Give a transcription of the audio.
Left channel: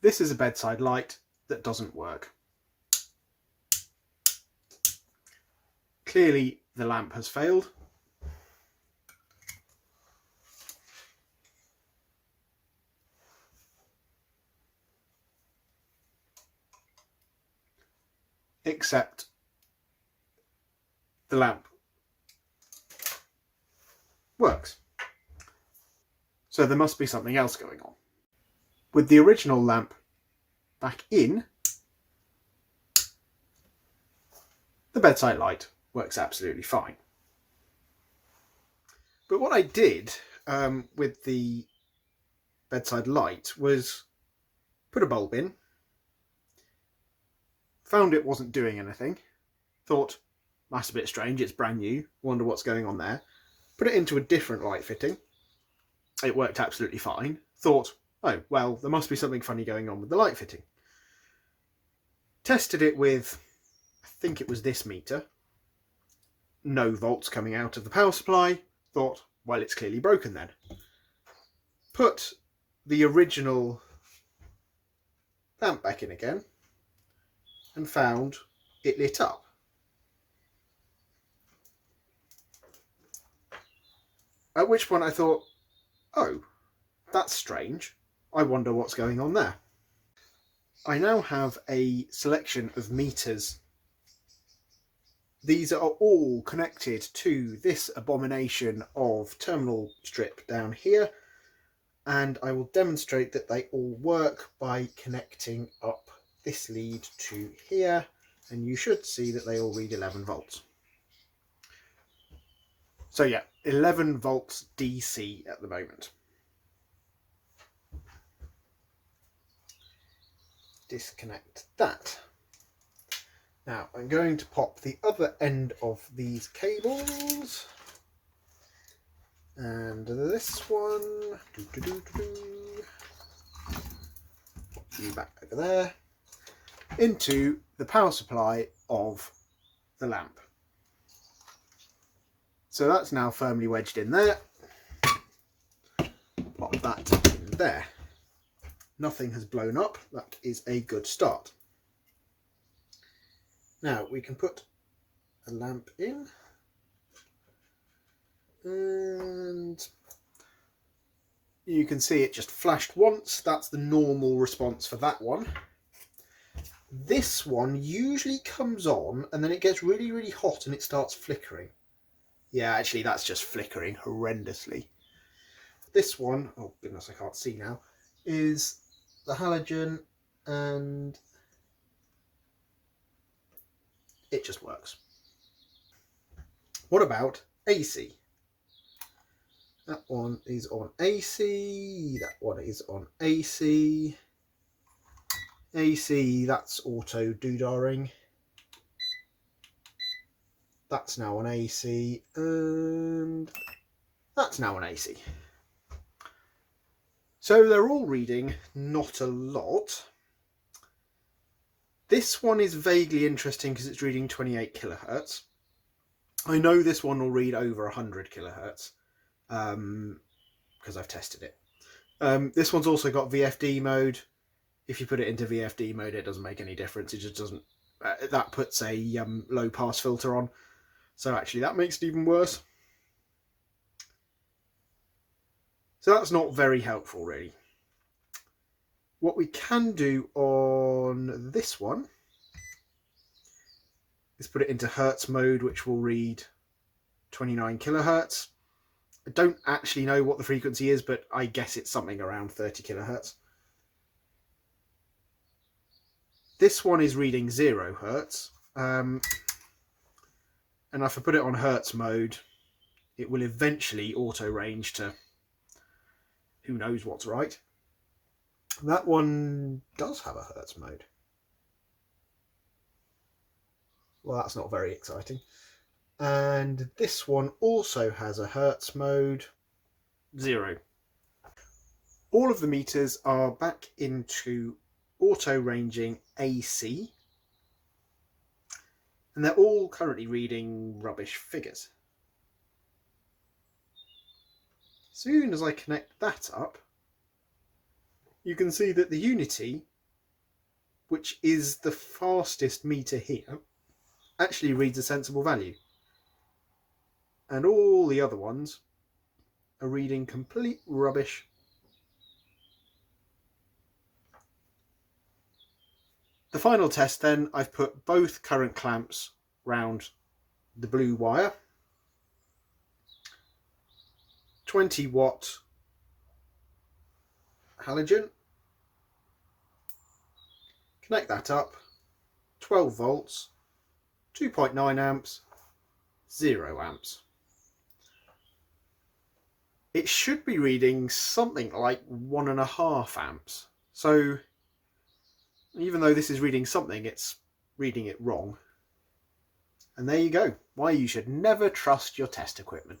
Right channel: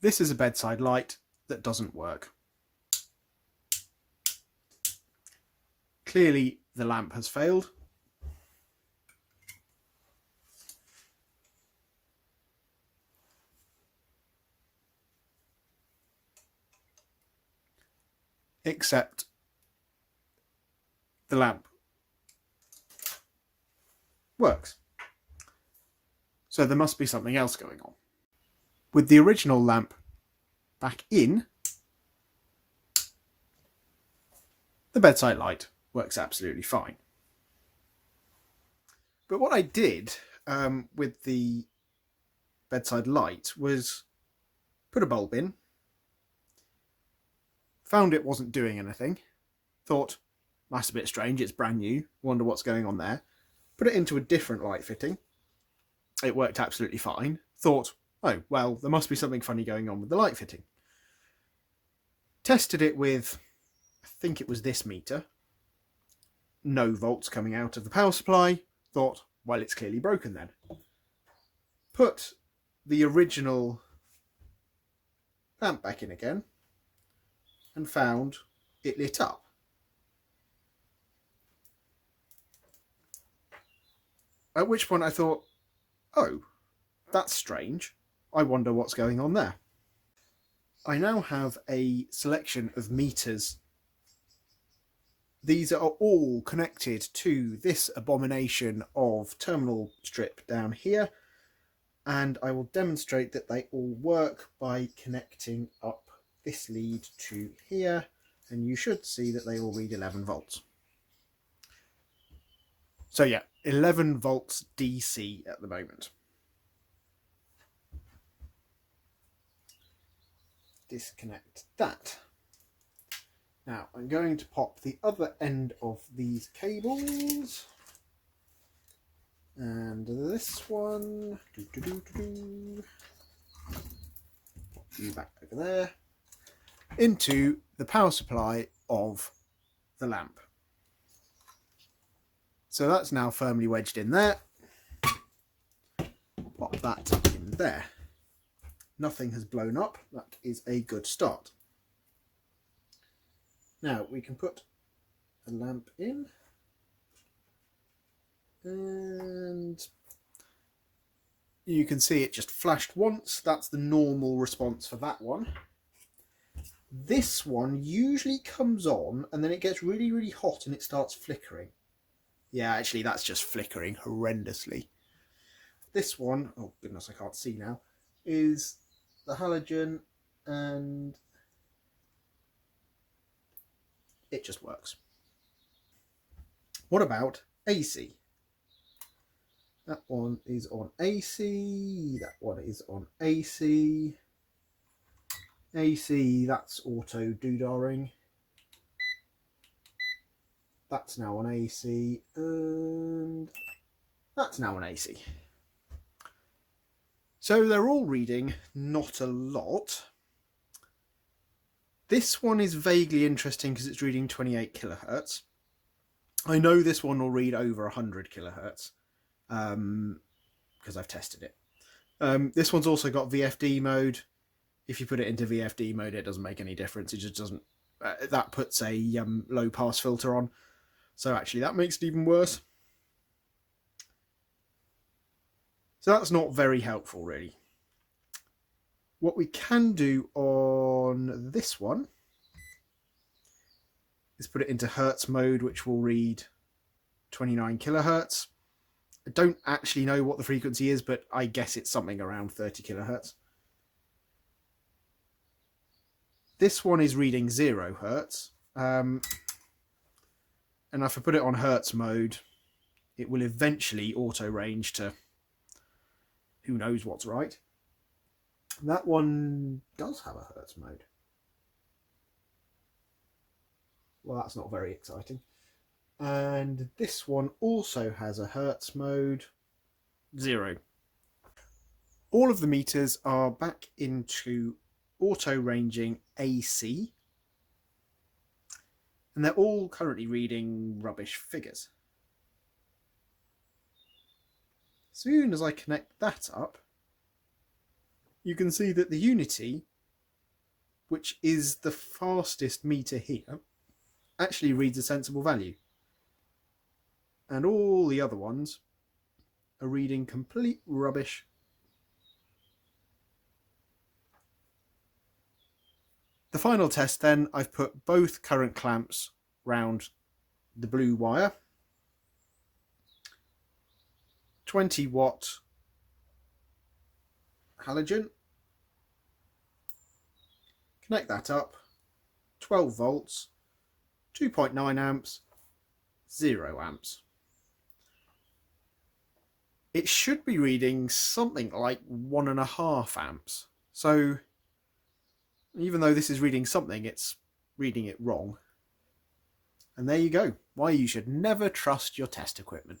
this is a bedside light that doesn't work. Clearly the lamp has failed. Except the lamp works. So there must be something else going on. With the original lamp back in, the bedside light works absolutely fine. But what I did with the bedside light was put a bulb in, found it wasn't doing anything, thought, that's a bit strange, it's brand new, wonder what's going on there. Put it into a different light fitting. It worked absolutely fine. Thought, oh, well, there must be something funny going on with the light fitting. Tested it with, I think it was this meter. No volts coming out of the power supply. Thought, well, it's clearly broken then. Put the original lamp back in again and found it lit up. At which point I thought, oh, that's strange. I wonder what's going on there. I now have a selection of meters. These are all connected to this abomination of terminal strip down here, and I will demonstrate that they all work by connecting up this lead to here, and you should see that they all read 11 volts. So yeah, 11 volts DC at the moment. Disconnect that. Now I'm going to pop the other end of these cables and this one, pop you back over there, into the power supply of the lamp. So that's now firmly wedged in there. Pop that in there. Nothing has blown up. That is a good start. Now we can put a lamp in, and you can see it just flashed once. That's the normal response for that one. This one usually comes on and then it gets really, really hot and it starts flickering. Yeah, actually that's just flickering horrendously. This one, oh goodness, I can't see now, is the halogen, and it just works. What about AC? That one is on AC, that one is on AC. AC, that's auto doodaring. That's now on AC, and that's now on AC. So they're all reading not a lot. This one is vaguely interesting because it's reading 28 kilohertz. I know this one will read over 100 kilohertz because I've tested it. This one's also got VFD mode. If you put it into VFD mode, it doesn't make any difference. It just doesn't. That puts a low pass filter on. So actually that makes it even worse. So that's not very helpful, really. What we can do on this one is put it into Hertz mode, which will read 29 kilohertz. I don't actually know what the frequency is, but I guess it's something around 30 kilohertz. This one is reading 0 hertz. And if I put it on Hertz mode, it will eventually auto range to who knows what's right. That one does have a Hertz mode. Well, that's not very exciting. And this one also has a Hertz mode, 0. All of the meters are back into auto ranging AC, and they're all currently reading rubbish figures. As soon as I connect that up, you can see that the unity, which is the fastest meter here, actually reads a sensible value. And all the other ones are reading complete rubbish. The final test then, I've put both current clamps round the blue wire. 20 watt halogen. Connect that up. 12 volts, 2.9 amps, 0 amps. It should be reading something like 1.5 amps. So even though this is reading something, it's reading it wrong. And there you go. Why you should never trust your test equipment.